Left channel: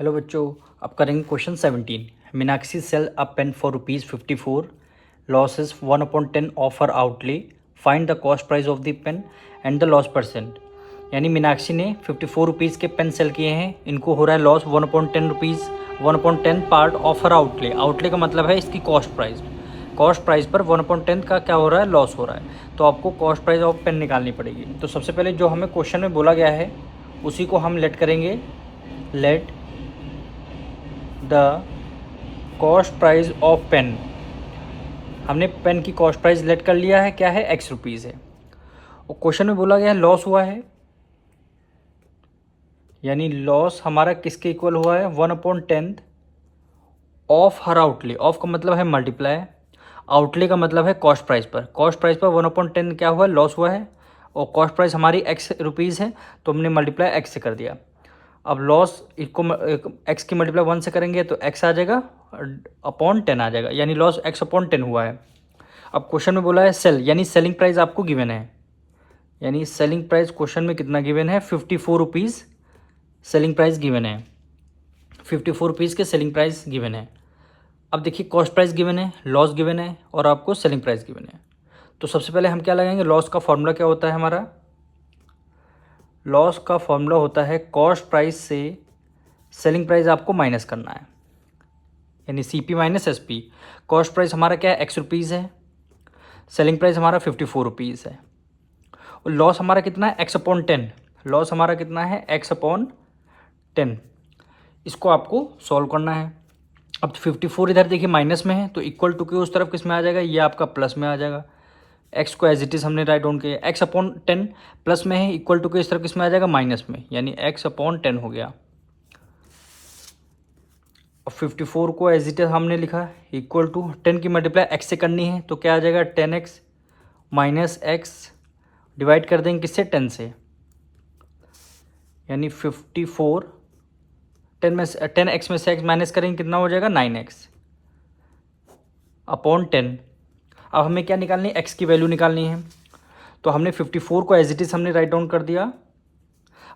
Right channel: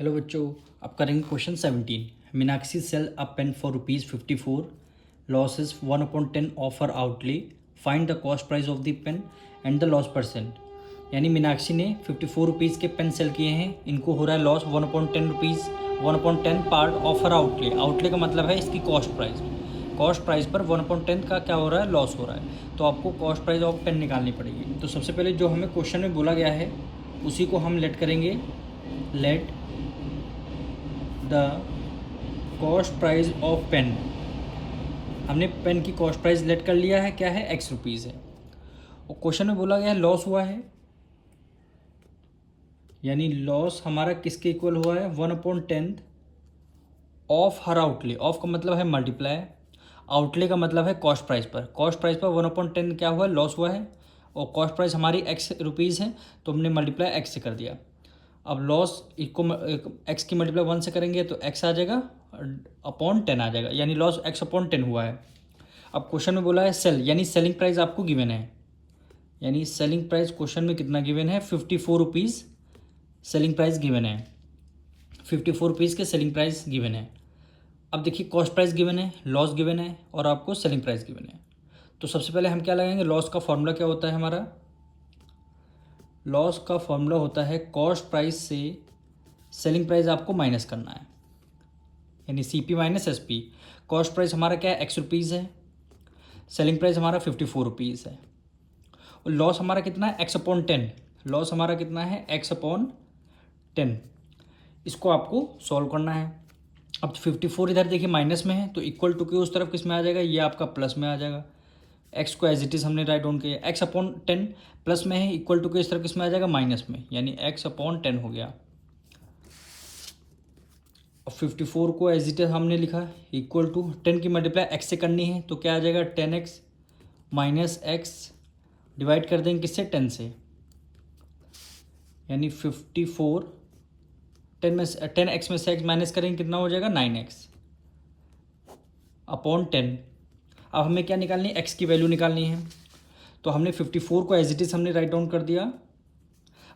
Hello बच्चों, अब करेंगे question 17। Meenakshi sell a pen for ₹54, loss is 1/10 of her outlay, find the cost price of the pen and the loss percent. यानी मीनाक्षी ने ₹54 के pen cell किए हैं, इनको हो रहा है loss 1/10 1/10 part of her outlay. Outlay का मतलब है इसकी कॉस्ट प्राइस। कॉस्ट प्राइस पर 1/10 का क्या हो रहा है, लॉस हो रहा है। तो आपको कॉस्ट प्राइस ऑफ पेन निकालनी पड़ेगी। तो सबसे पहले जो हमें क्वेश्चन में बोला गया है उसी को हम लेट करेंगे। Let the cost price of pen. हमने पेन की कॉस्ट प्राइस लेट कर लिया है, क्या है, ₹X है। और क्वेश्चन में बोला गया है लॉस हुआ है, यानी लॉस हमारा किसके इक्वल हुआ है, 1/10 ऑफ हर आउटले। ऑफ का मतलब है मल्टीप्लाई, आउटले का मतलब है कॉस्ट प्राइस पर। कॉस्ट प्राइस पर 1/10 क्या हुआ है, लॉस हुआ है। और कॉस्ट प्राइस हमारी ₹X है, तो हमने मल्टीप्लाई X से कर दिया। अब लॉस को एक्स की मल्टीप्लाई 1 से करेंगे तो x आ जाएगा अपॉन 10 आ जाएगा, यानी लॉस x/10 हुआ है। अब क्वेश्चन में बोला है सेल, यानी सेलिंग प्राइस आपको गिवन है। यानी सेलिंग प्राइस क्वेश्चन में कितना गिवन है, ₹54 सेलिंग प्राइस गिवन है। ₹54 के सेलिंग प्राइस गिवन है। अब देखिए कॉस्ट प्राइस गिवन है, लॉस गिवन है और आपको सेलिंग प्राइस गिवन है। तो सबसे पहले हम क्या लगाएंगे, लॉस का फॉर्मूला क्या होता है हमारा, लॉस का फॉर्मूला होता है कॉस्ट प्राइस से सेलिंग प्राइस आपको माइनस करना है, यानी CP minus SP। Cost price हमारा क्या है, ₹X है, सेलिंग प्राइस हमारा ₹54 है। और लॉस हमारा कितना है, x/10। लॉस हमारा कितना है, x/10। इसको आपको सॉल्व करना है। अब 54 इधर देखिए माइनस में है, तो इक्वल टू के उस तरफ किस में आ जाएगा, ये आपका प्लस में आ जाएगा। एक्स को एज इट इज हमने राइट डाउन किया, x/10 प्लस में है, इक्वल टू के इस तरफ किस में आ जाएगा, माइनस में, यानी x/10 हो गया। और 54 को एज इट इज हमने लिखा इक्वल टू 10 की मल्टीप्लाई x से करनी है, तो क्या आ जाएगा, 10x माइनस x डिवाइड कर देंगे किससे, 10 से, यानी 54 10x में से x माइनस करेंगे कितना हो जाएगा, 9x अपॉन 10। अब हमें क्या निकालनी है, x की वैल्यू निकालनी है। तो हमने 54 को एज इट इज हमने राइट डाउन कर दिया।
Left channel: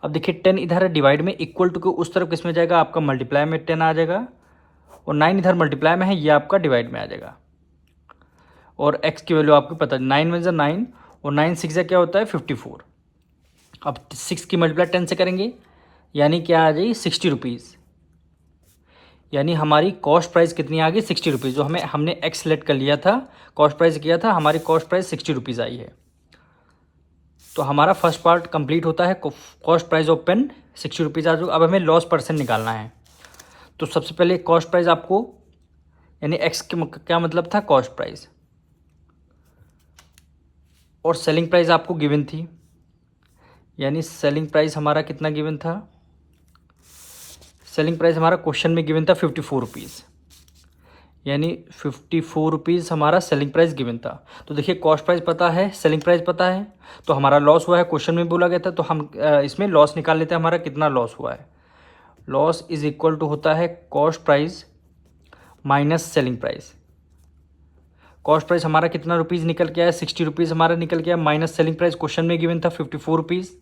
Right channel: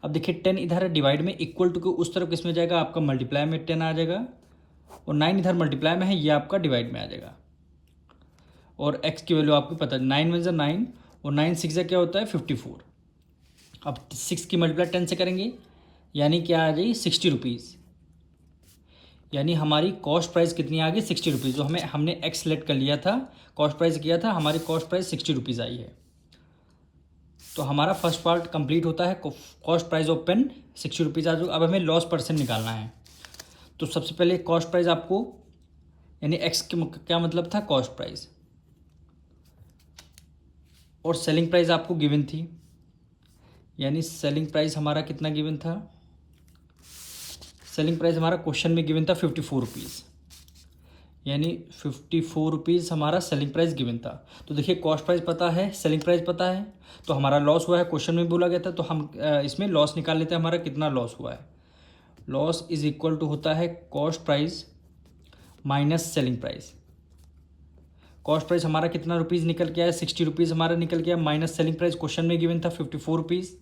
अब देखिए 10 इधर है डिवाइड में, इक्वल टू के उस तरफ किस में जाएगा, आपका मल्टीप्लाई में 10 आ जाएगा। और 9 इधर मल्टीप्लाई में है, ये आपका डिवाइड में आ जाएगा। और x की वैल्यू आपको पता है, 9 में 9 और 9 6 क्या होता है, 54। अब 6 की मल्टीप्लाई 10 से करेंगे, यानी क्या आ जाएगी, ₹60। यानी हमारी कॉस्ट प्राइस कितनी आ गई, ₹60। जो हमने x सेलेक्ट कर लिया था, कॉस्ट प्राइस किया था, हमारी कॉस्ट प्राइस ₹60 आई है। तो हमारा फर्स्ट पार्ट कंप्लीट होता है, कॉस्ट प्राइस ऑफ पेन ₹60 आ जाएगा। अब हमें लॉस परसेंट निकालना है। तो सबसे पहले कॉस्ट प्राइस आपको, यानी x के क्या मतलब था, कॉस्ट प्राइस, और सेलिंग प्राइस आपको गिवन थी, यानी सेलिंग प्राइस हमारा कितना गिवन था, सेलिंग प्राइस हमारा क्वेश्चन में गिवन था ₹54, यानी ₹54 हमारा सेलिंग प्राइस गिवन था। तो देखिए कॉस्ट प्राइस पता है, सेलिंग प्राइस पता है, तो हमारा लॉस हुआ है, क्वेश्चन में बोला गया था। तो हम इसमें लॉस निकाल लेते हैं, हमारा कितना लॉस हुआ है। लॉस इज इक्वल टू होता है cost price minus selling price. Cost price हमारा कितना रुपीज़ निकल के आया, ₹60 हमारा निकल गया, माइनस सेलिंग प्राइस क्वेश्चन में गिवन था ₹54,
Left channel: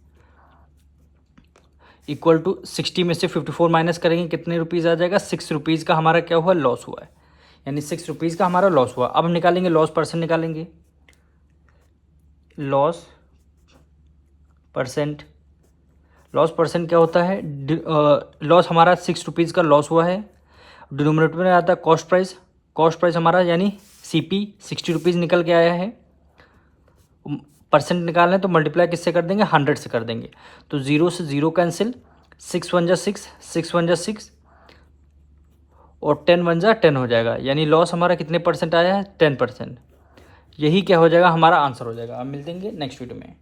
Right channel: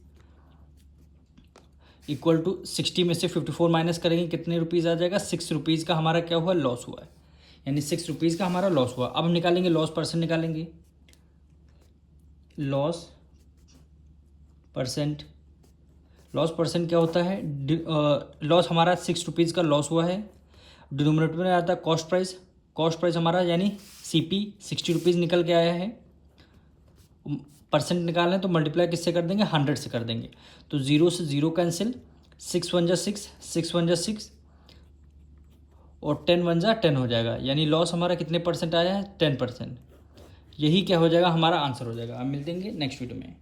इक्वल टू 60 में से 54 माइनस करेंगे कितने रुपीज़ आ जाएगा, ₹6 का हमारा क्या हुआ, लॉस हुआ है, यानी ₹6 का हमारा लॉस हुआ। अब हम निकालेंगे लॉस परसेंट, निकालेंगे लॉस परसेंट। लॉस परसेंट क्या होता है, लॉस हमारा ₹6 का लॉस हुआ है, डिनोमिनेटर में आता है कॉस्ट प्राइस। कॉस्ट प्राइस हमारा यानी CP ₹60 निकल के आया है। परसेंट निकालना है तो मल्टीप्लाई किससे कर देंगे, 100 से कर देंगे। तो 0 से 0 कैंसिल, 6 1 जा 6, 6 1 जा 6 और 10 1 जा 10 हो जाएगा, यानी लॉस हमारा कितने परसेंट आया है, 10%। यही क्या हो जाएगा, हमारा आंसर हो जाएगा। अब मिलते हैं नेक्स्ट वीडियो में।